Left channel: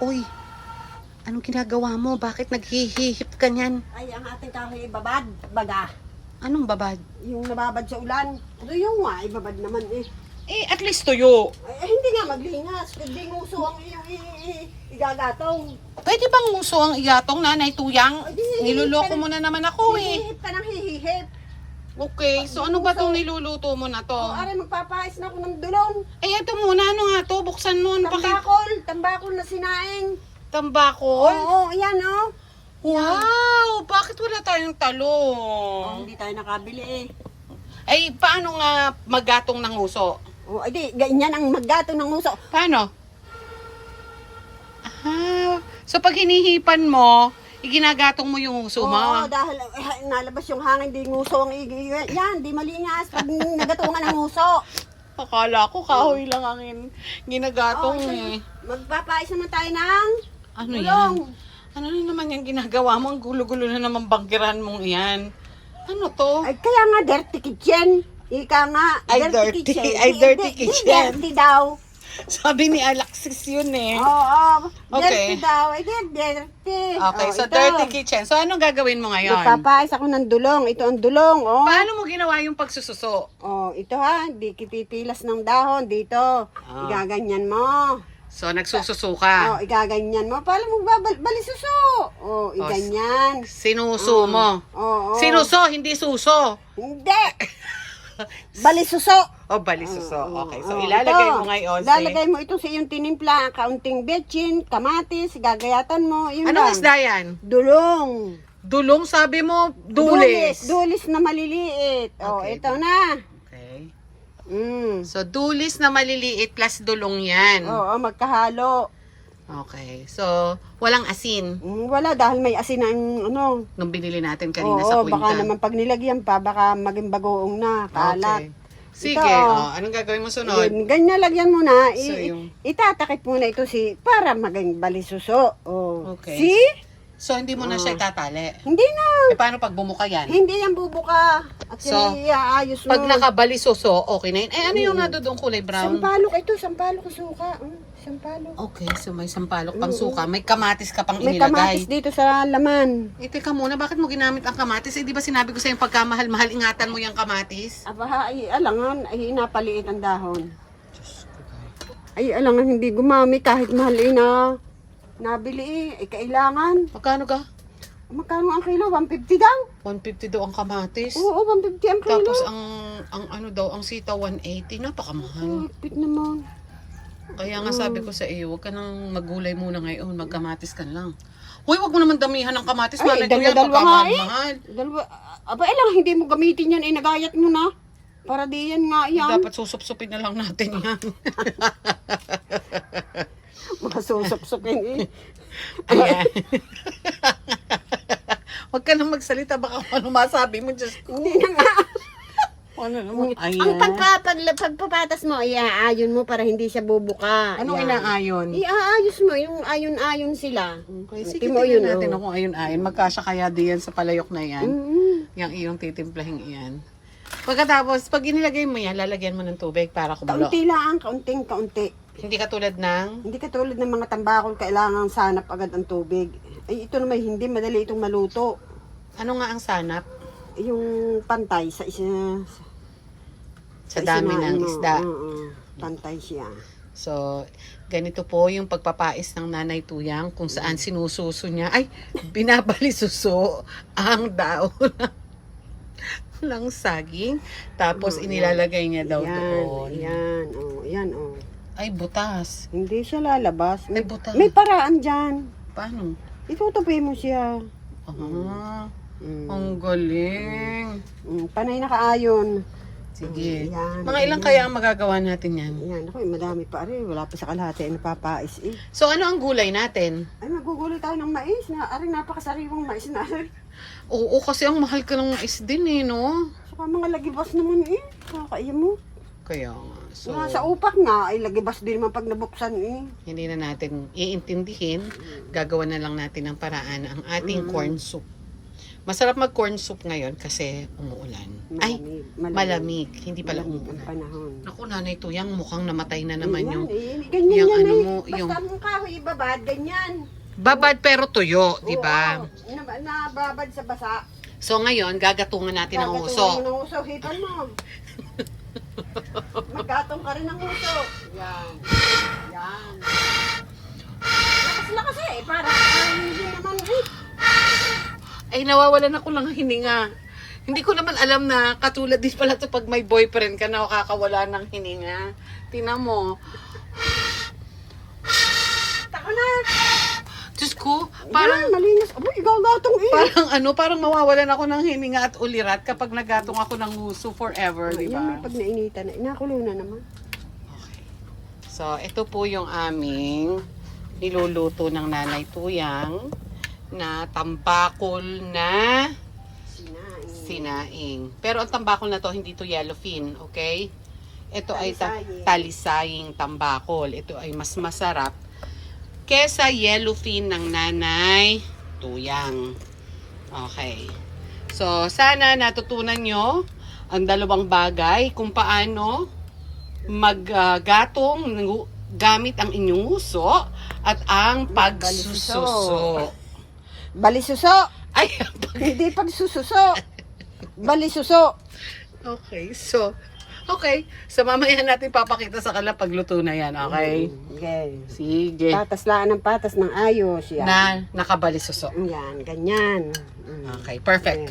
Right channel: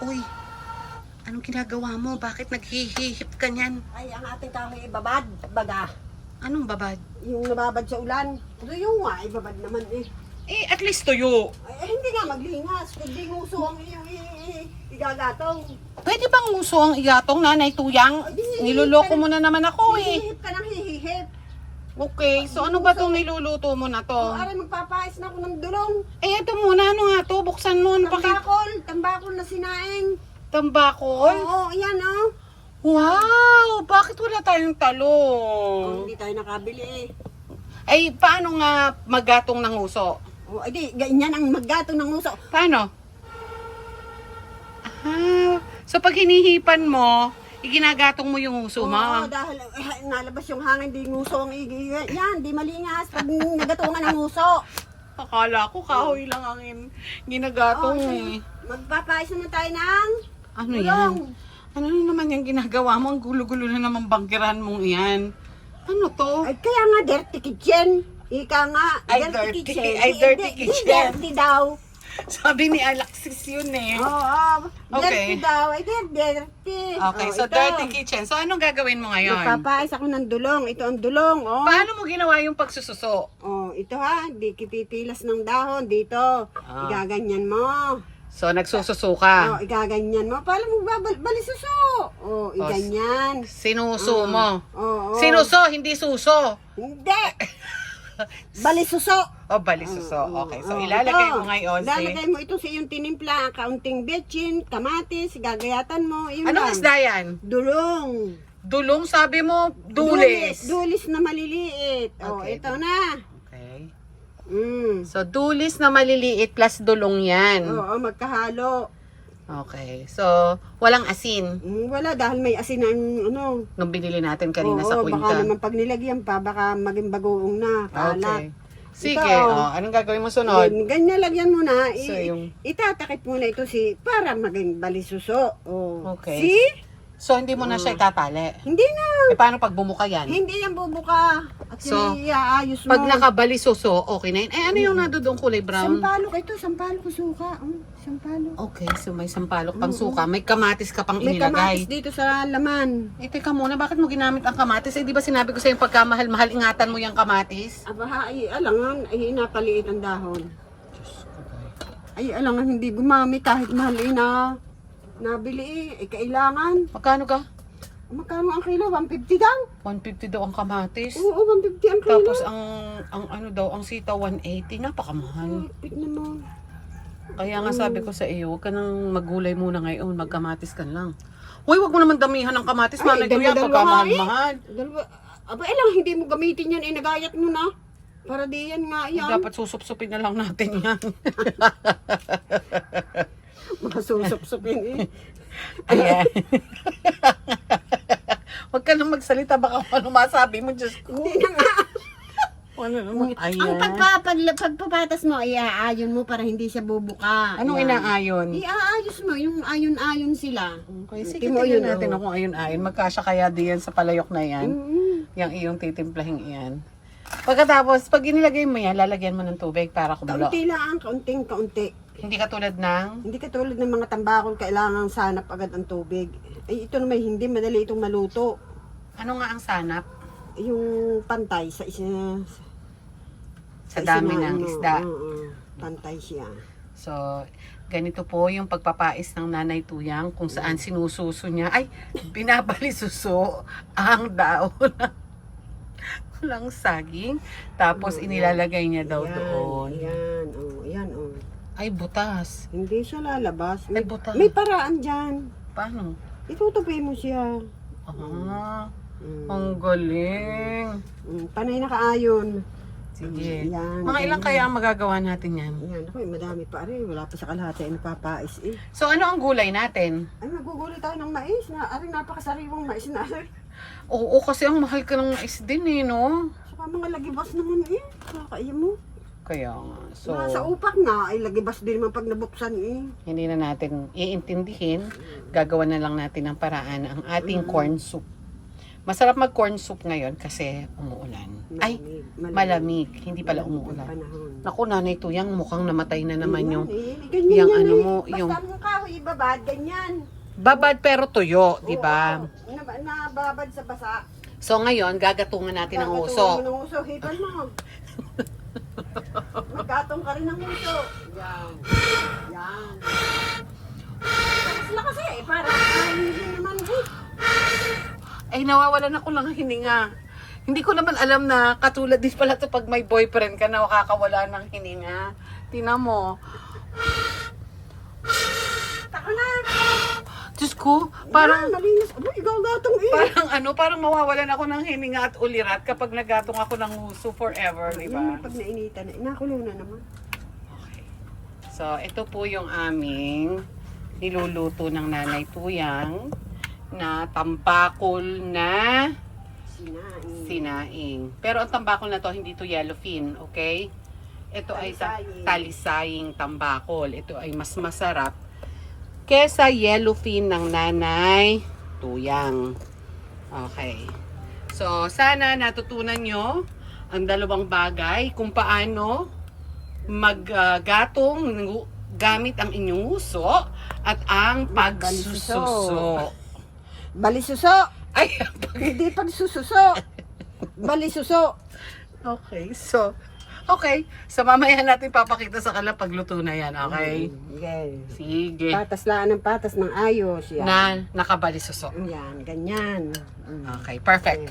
Uy, anong ginagawa mo? Bakit naghihihip ka niyan? Ay, ang ating kahoy babad, baga. Anong babad? Yung nababad sa ulan. Ano yung nga, ibabad naman eh. Eh, at least tuyo. Ay, hindi nga maglingas. Kundi nguso ang iyong igagatong. Pwede bang nguso ang iyatong, Nanay Tuyang? Ay, di, Niloloko mo na naman ako eh. Hihihip ka ng hihihip. Okay, so ano ba itong niluluto mo na O, to? aray, magpapais na ako ng dulong. Eh, ito muna, ano nga to? Buksan mo, ano Tambakol na sinaing. Tambakol? Oo, yan o. Wow! Bakit wala tayong Oh, talong? hindi tayo nakabili eh. Ay, paano nga maggatong ng uso? O, ay di, ganyan ang maggatong ng nguso. Paano? Ah, so pag hinihipan mo, iginagatong mo yung uso mo. Oo, dahil nalabas yung hangin, di nguso ang yan, di malingas pag nagatungan ng nguso. Akala ko kahoy lang ang ginagatong Oo, eh. Magpapais naman tayo ng Ano yan? Ano na naman yung ginagawa mo? Ang gulo-gulo na naman banggiran mong iyan. Ano to? Ay, kaya nga dirty kitchen. Ika nga, Ay, dirty dirty. kitchen. Ay, dirty Di kitchen. dirty daw. Sabi ni Alexis yun eh. Oo, Okay. dirty daw. Ay, dirty. Okay, Oh, so ito. dirty kitchen. So anong gagawin mo ngayon? Magpapais ako ng dulong. Ito ang dulong, oh. Paano mo ginawa yung pagsususo? Oh, ito ha, di pipilas ng dahon dito. Ah. Igaganyan mo. So nagsususo Oh, ka. igaganyan mo. Paano mo balisuso? Oh, iganyan. Sinuso mo. Oo. Sinuso, hindi suso. Hindi. Balisuso. O, balisuso. Okay, so Oo, ilalagay ito. mo ngayon Ilalagay mo ito sa iyong tinimpla, kaunting betchin, kamatis, gagayatan mo. Yun Anong lang. isda yan? Dulong. Dulong, sabi mo, dulis. Dulis na maliliit. Oh, Okay. ito na. Okay. Mm. So, dulis na maliliit plus dulong yan. Oo, magkahalo. Okay. So, walang asin Wala dahil may asin ang ano. nung binili natin kanina sa Oo, baka kwinta. naman pag nilagyan pa, baka maging bagoong na, kalat. Okay. Sige, Ito, anong gagawin mo sunod? Ganyan lagyan mo na. So, yung... Itatakip mo na ito para maging balisuso. Oh. Okay. See? So, hindi mo na siya itatali. Hindi na. Eh, paano pag bumuka yan? Hindi yan bubuka. At So, iaayos mo. Pag nakabalisoso, okay na yun. Eh, ano yung nadudong kulay brown? Sampalok ito, sampalok ang suka. Sampalok. Okay, so may sampalok pang suka. May kamatis ka pang May kamatis inilagay. dito sa laman. Eh, teka muna, bakit mo ginamit ang kamatis? Eh, di ba sinabi ko sa'yo pagkamahal-mahal, ingatan mo yung kamatis? Aba, ay, alangan, ay napaliit ang dahon. Diyos ko, day. Ay, alangan, hindi gumamit kahit mahal na nabili eh. Ay, kailangan. Magkano ka? Magkano ang kilo? 150 daw? 150 daw ang kamatis. Oo, 150 ang kilo. Tapos ang ano daw, ang sitaw 180, napakamahal. Higpit naman. Kaya nga sabi ko sa iyo, huwag ka nang magulay muna ngayon, magkamatis ka lang. Hoy, wag mo naman damihan ng kamatis, Ay, malay ko yan, dalawa nga pagkamahal-mahal. Dalawa. Aba, lang, hindi mo gamitin yan. Inagayat mo na. Para di yan nga yan. Dapat susup-supin na lang natin yan. Masusup-supin eh. Ayan. Huwag ka nang magsalita, baka ano masabi mo, Diyos ko. Hindi na nga. Ano naman? Ang pagpapatas mo, iaayon mo para hindi siya bubuka. Anong Yan. inaayon? Iaayos mo, yung ayon-ayon sila. Okay, sige, Tingnan tingnan yun, natin oh. kung ayon-ayon. Magkasya kaya diyan sa palayok na yan. Yung iyong titimplahin iyan. Pagkatapos, pag inilagay mo yan, lalagyan mo ng tubig para kumulo. Kaunti lang, kaunting-kaunti. Hindi katulad ng... Hindi katulad ng mga tambakol, kailangan sanap agad ang tubig. Ay, ito naman hindi, madali itong maluto. Ano nga ang sanap? Yung pantay sa isa... Sa dami ng ano, isda. Pantay siya. So, ganito po yung pagpapais ng Nanay Tuyang kung saan sinususo niya. Ay, binabalisuso ang daon ng saging. Tapos inilalagay niya daw doon. Yan, oh, yan, oh. Ay, butas. Hindi siya lalabas. Ay, butas. May paraan dyan. Paano? Itutupi mo siya. Ah, ang galing. Panay nakaayon. Sige. Yan, Mga ilang kaya ang magagawa natin yan? Yan, ako, madami pa rin. Wala pa sa kalahati ay napapais eh. So, ano ang gulay natin? Ay, magugulo tayo ng mais na. Aring napakasariwang mais na. Oo, kasi ang mahal ka ng mais din eh, no? Saka mga lagibas naman eh. Kakaiya mo. Kaya nga. So, Nasa upak nga, ay lagibas din naman pag nabuksan eh. hindi na natin iintindihin. Gagawa na lang natin ng paraan ang ating corn soup. Masarap mag corn soup ngayon kasi umuulan. Ay, malamig. Hindi pala umuulan. Naku, Nanay Tuyang, mukhang namatay na naman yung yung ano mo, yung basta mong kahoy ibabad, ganyan. babad pero tuyo, di ba? Oo, nababad sa basa. So ngayon, gagatungan natin ang uso. Ng uso, hipan mo. Maggatong ka rin ng uso. Yan. Yan. Sila kasi, parang hindi naman Ay, nawawalan ako ng hininga. Hindi ko naman alam na katulad din pala to pag may boyfriend ka na kakawala ng hininga. Tingnan mo. Tako na. Diyos ko, parang, Yan, malinis. Aba, ikaw gatong parang mawawalan ako ng hininga at ulirat kapag nagatong ako ng uso forever, di ba? Yan, pag nainitan na, inakulo na naman. So, ito po yung aming niluluto ng Nanay Tuyang na tampakol na sinaing. Pero ang tambakol na to, hindi to yellowfin, okay? Ito ay talisaying tambakol. Ito ay mas masarap kesa yellowfin ng Nanay Tuyang. Okay. So, sana natutunan nyo ang dalawang bagay kung paano maggatong gamit ang inyong uso at ang pagsususo. Balisuso. Ay, Hindi pagsususo. Balisuso. okay. So mamaya natin papakita sa kanila pagluto na yan, okay? Okay. Sige. Patas lang ng patas ng ayos. Yan. Na nakabalisuso. Yan, ganyan. Okay, perfect.